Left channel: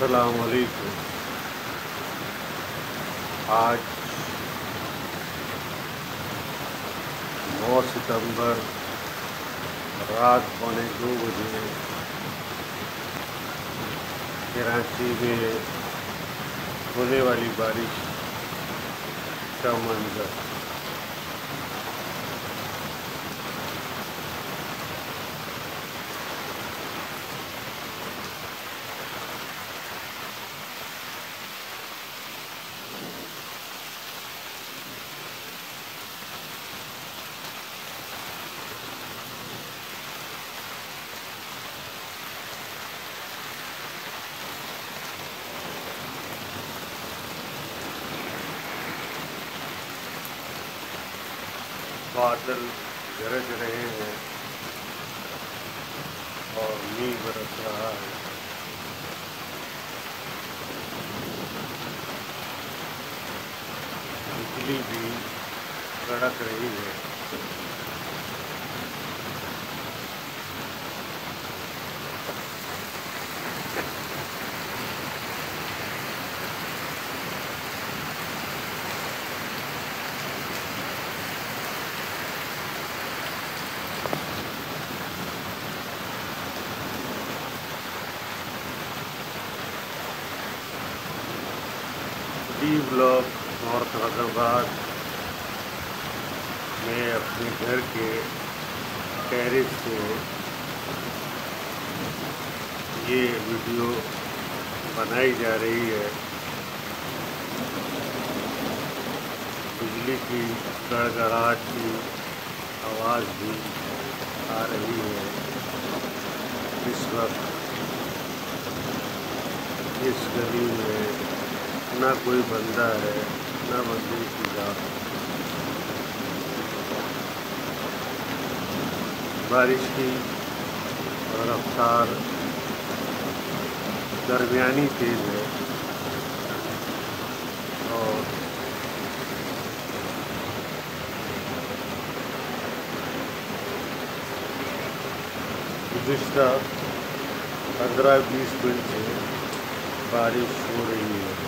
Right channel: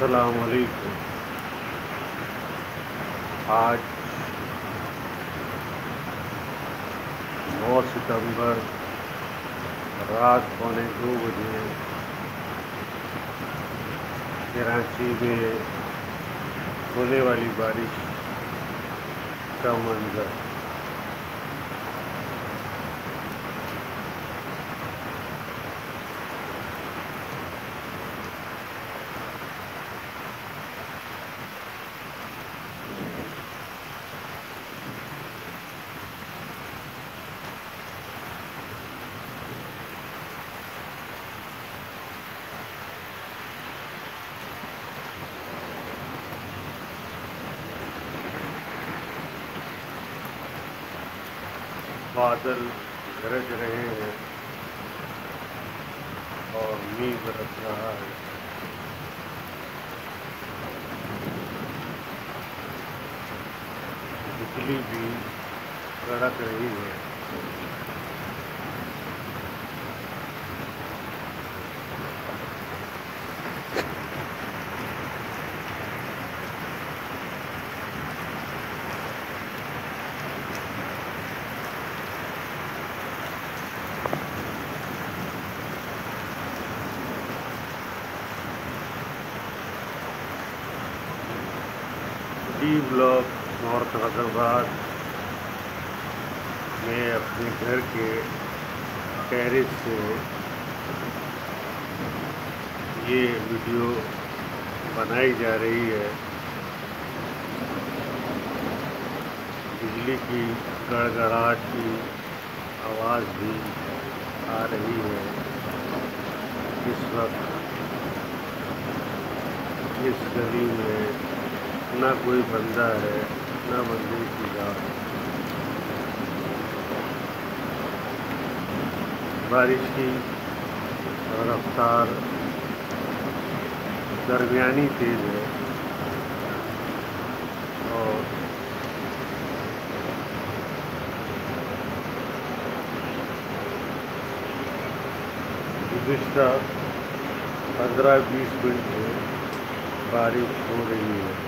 السلام علیکم۔ آج 9 ستمبر رات 1:15 بجے کراچی میں ہونے والی بارش کا منظر۔ بادل گرج رہے ہیں اور میگھ برس رہا ہے۔ بجلی بھی کڑک رہی ہے۔ ڈی بلاک نارتھ حیدرآباد میں اپنے گھر کے ٹیرس سے یہ ویڈیو بنائی جا رہی ہے۔ بجلی کی گڑگڑاہٹ کی آواز بھی آ رہی ہے۔ اس وقت اس گلی میں نہ کوئی بندہ ہے نہ بندے کی ذات۔ بارش کی رفتار درمیانی تیز ہے اور گزشتہ 15-20 منٹ سے بارش ہو رہی ہے۔